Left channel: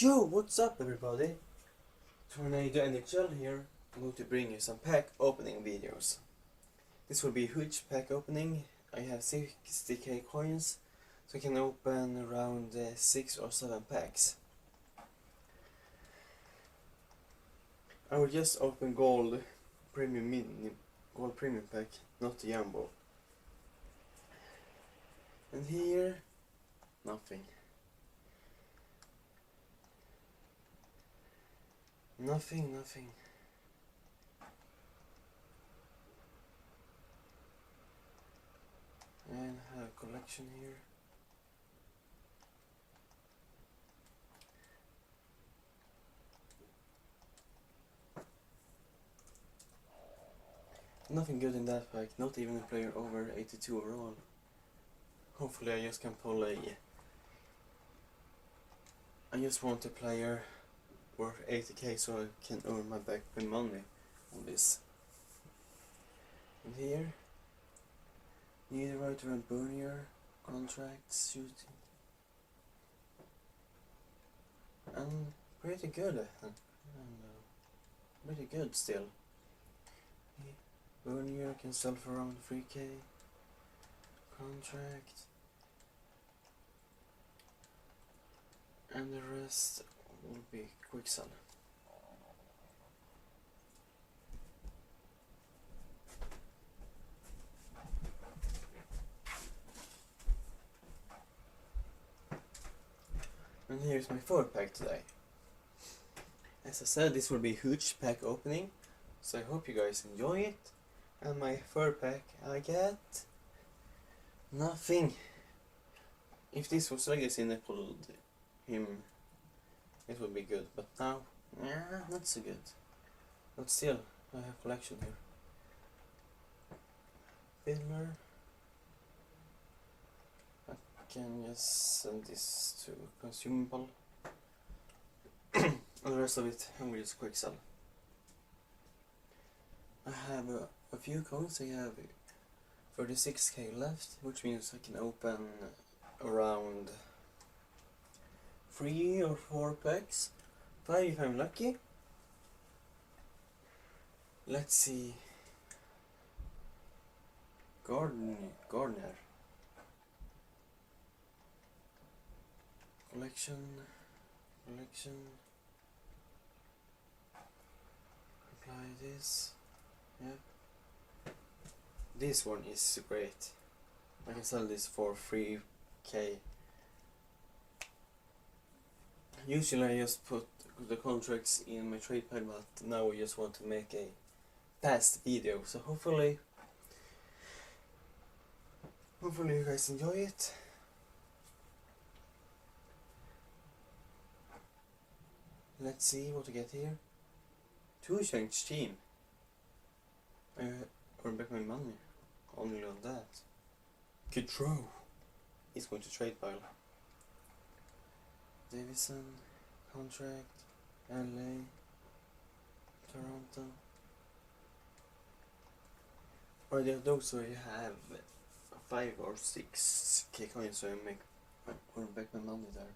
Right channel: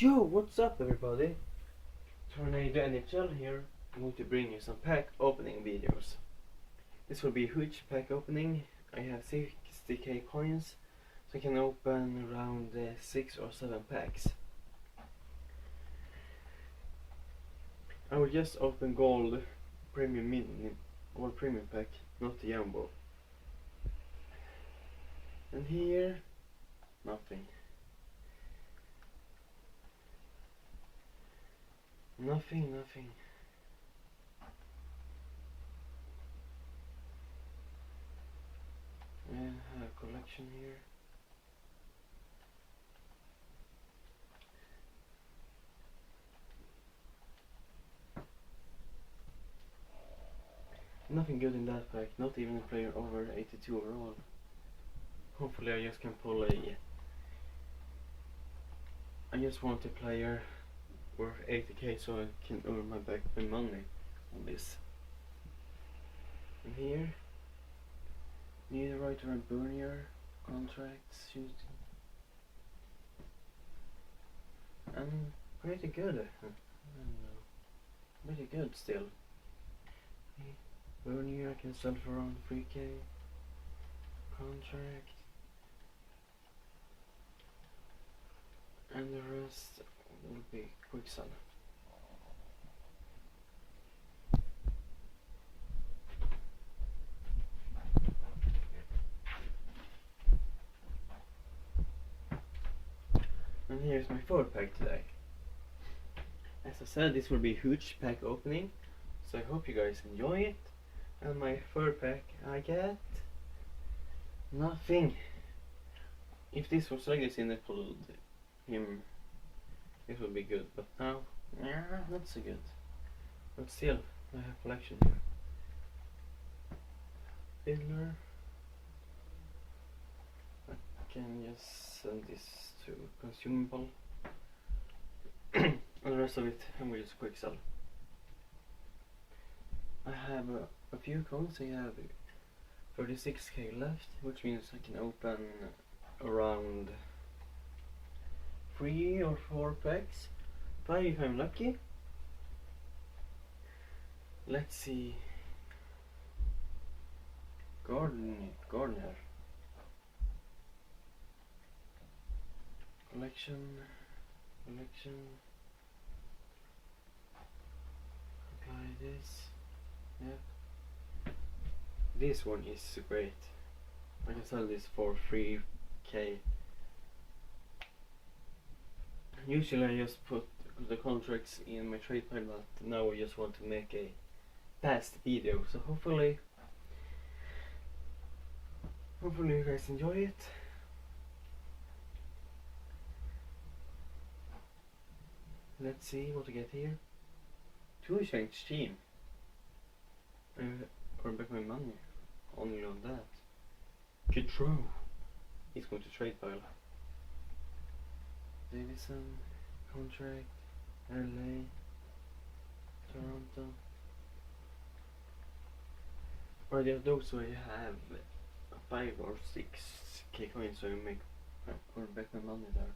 Yo, what's up everybody? TORNADO-NHL here. I'm going to bring you some pack opening videos. This will be a huge pack opening. I have 60k coins, so I can open around 6 or 7 packs. I will just open gold premium pack, not the jumbo. And here, nothing. Nothing. And I have a collection here. Nothing good in that pack, not even a player over 82 overall. Hopefully I just can pull I just want a player worth 80k so I can earn my back my money on this. And here, Niederreiter and Bernier, contracts, shooting. And pretty good, pretty good still. Bernier can sell for around 3k, contract. And the rest will be quick sell. And here's my third pack today. As I said, this will be a huge pack opening, so I hope you guys enjoy it. And my third pack, I get nothing. If this was legacy and I pulled him, it would be good, but now, not so good. But still, I have collection here. Fiddler. I can just send this to consumable. And the rest of it, I'm going to just quick sell. I have a few coins. I have 36k left, which means I can open around 3 or 4 packs, 5 if I'm lucky. Let's see. Gardner. Collection. Apply this. Yeah. This one is great. I can sell this for 3k. Usually I just put the contracts in my trade pile, but now I just want to make a fast video, so hopefully you guys enjoy it. Let's see what I get here. 2 change team. I earn back my money only on that. Good throw. He's going to trade pile. Davison, contract, LA, Toronto. Or those where you have 5 or 6k coins, so I earn back my money there.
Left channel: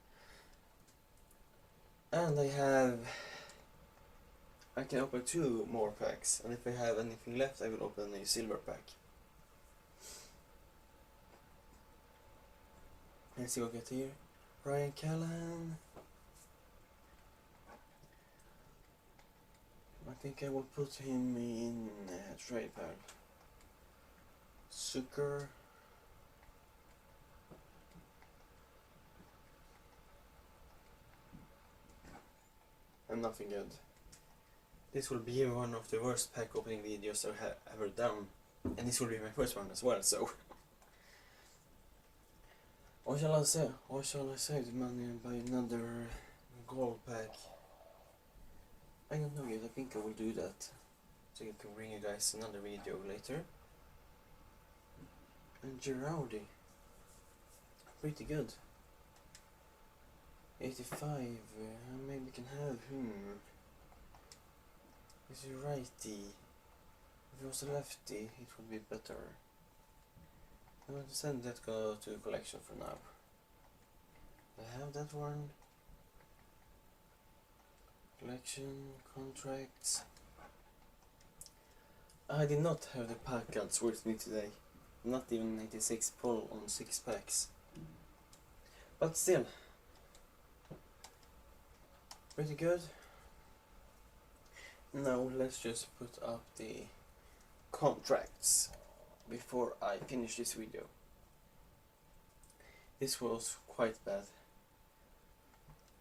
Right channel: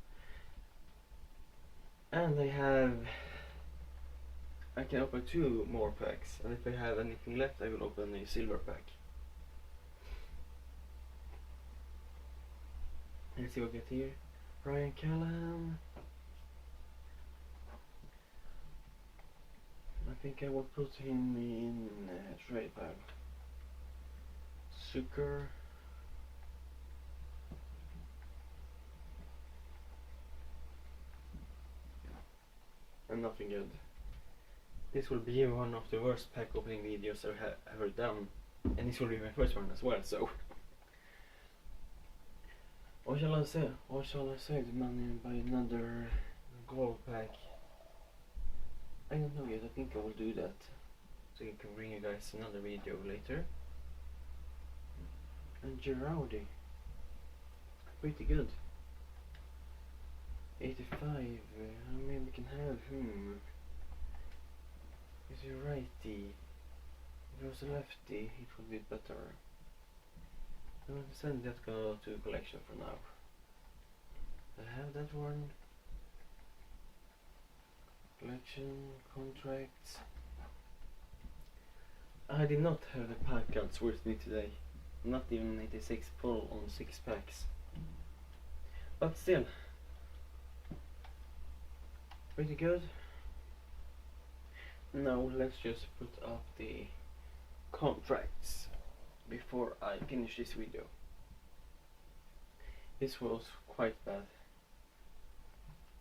And I can open 2 more packs, and if I have anything left I will open a silver pack. Let's see what I get here. Ryan Callahan. I think I will put him in trade pile. Zucker. And nothing good. This will be one of the worst pack opening videos I have ever done, and this will be my first one as well, so what shall I say? What shall I save the money and buy another gold pack? I don't know yet. I think I will do that, so I can bring you guys another video later. And Girardi, pretty good. 85. Maybe can have him. Is he righty? If he was a lefty, it would be better. I'm going to send that go to collection for now. I have that one. Collection, contracts. I did not have the pack cards with me today. Not even 86 pull on 6 packs. But still, pretty good. Now let's just put up the contracts before I finish this video. This was quite bad.